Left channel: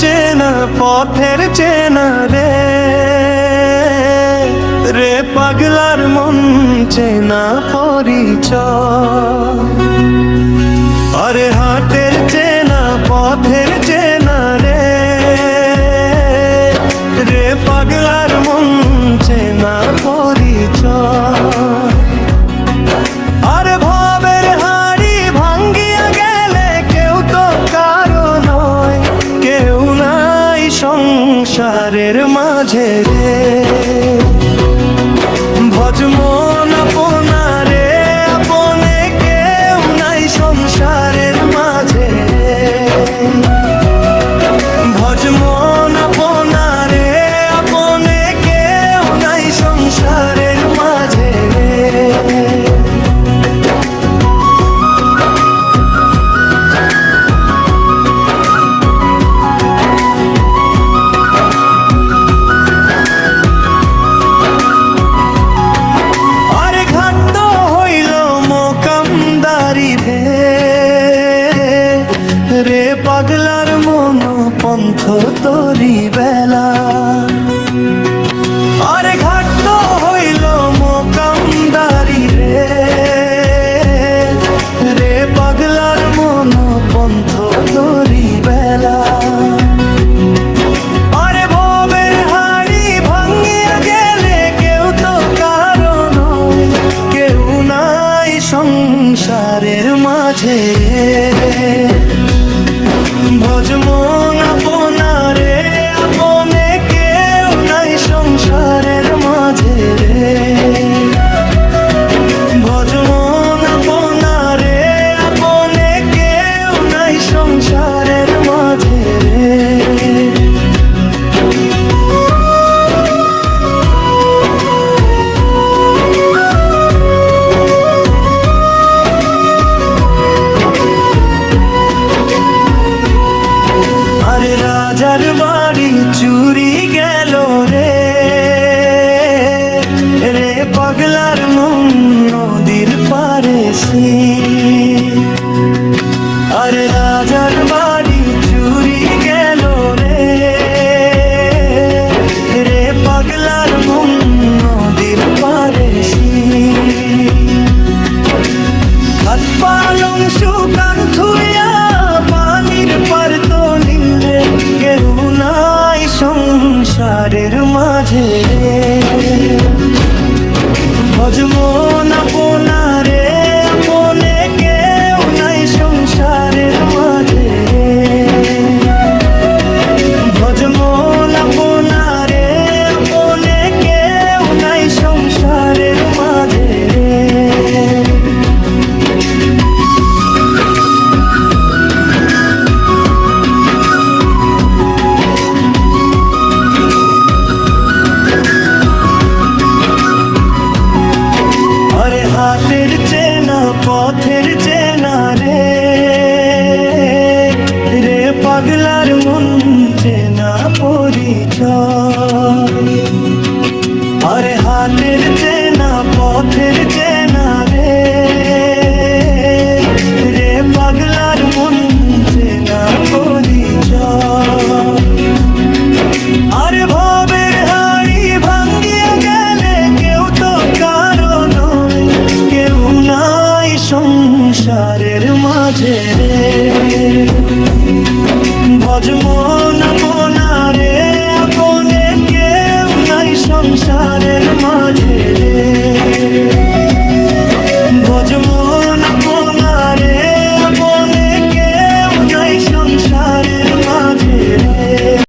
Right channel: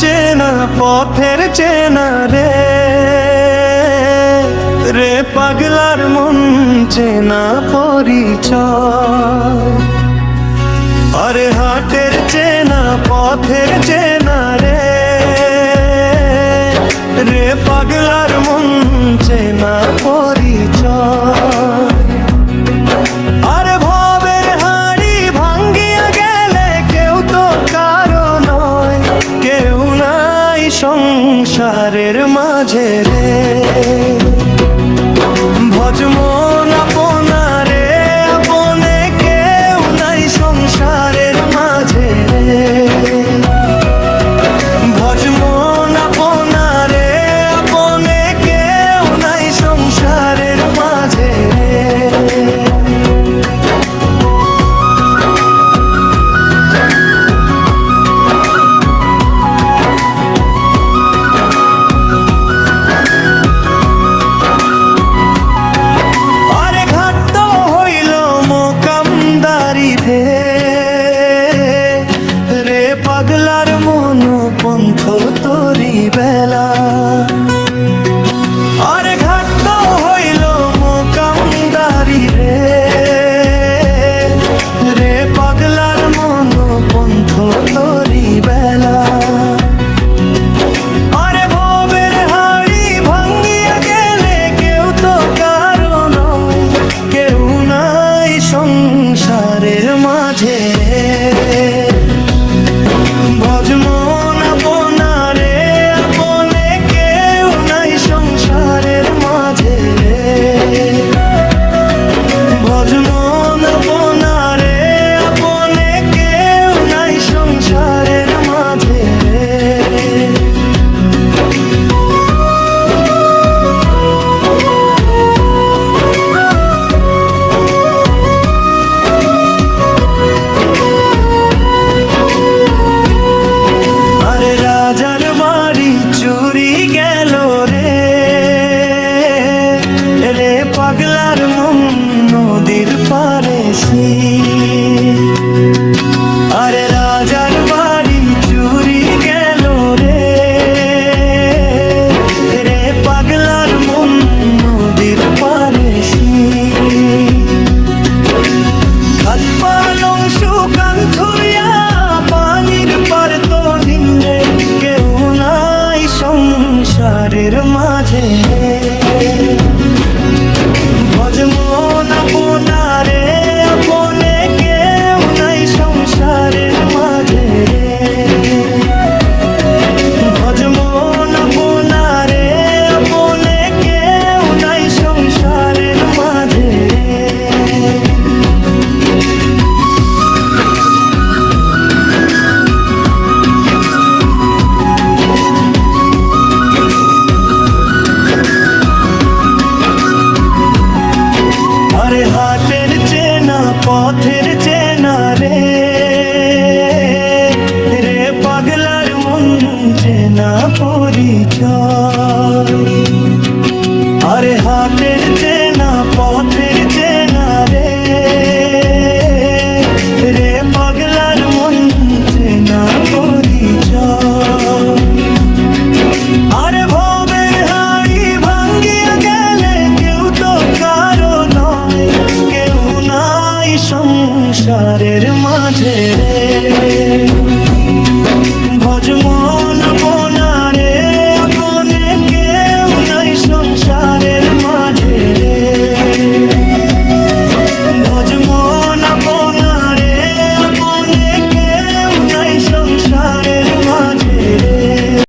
চেনা পথের চেনা রে, রে পাগলার মন চেনা পরিচয়। আরে হাটের চেনা পথের চেনা রে, রে পাগলার মন চেনা পরিচয়। আরে ভবের হাড়ি ভাঙ্গিয়া গেলে কেউ তো কারো নয়, কেউ নাই সংসারের মাঝে রে। ভজমন আপনারে আপনে, কেউ নাই সংসারের মাঝে রে। ভজমন আপনারে আপনে, কেউ নাই সংসারের মাঝে রে। কামদারি ভে, রে পাগলার মন পন্থ তরি বেলা। আরে ঘাট তো হইল মোকামদারি রে, রে পাগলার মন পন্থ তরি বেলা। আরে ভবের হাড়ি ভাঙ্গিয়া গেলে কেউ তো কারো নয়, কেউ নাই সংসারের মাঝে। ভজমন আপনারে আপনে, কেউ নাই সংসারের মাঝে রে। ভজমন আপনারে আপনে, কেউ নাই সংসারের মাঝে রে। আরে রাজার বাড়ি চুরি গেল রে, রে পাগলার মন নদীর পারে সে। আরে রাজার বাড়ি চুরি গেল রে, রে পাগলার মন নদীর পারে সে। হাত পালং শুকান থুইয়া পানির পার তো নিন্দে, কেউ নাই সংসারের মাঝে রে। ভজমন আপনারে আপনে, কেউ নাই সংসারের মাঝে রে। ভজমন আপনারে আপনে, কেউ নাই সংসারের মাঝে রে। আরে হাটের চেনা পথের চেনা রে, রে পাগলার মন চেনা পরিচয়। আরে হাটের চেনা পথের চেনা রে, রে পাগলার মন চেনা পরিচয়। আরে ভবের হাড়ি ভাঙ্গিয়া গেলে কেউ তো কারো নয়, কেউ নাই সংসারের মাঝে রে। ভজমন আপনারে আপনে, কেউ নাই সংসারের মাঝে রে। ভজমন আপনারে আপনে, কেউ নাই সংসারের মাঝে রে।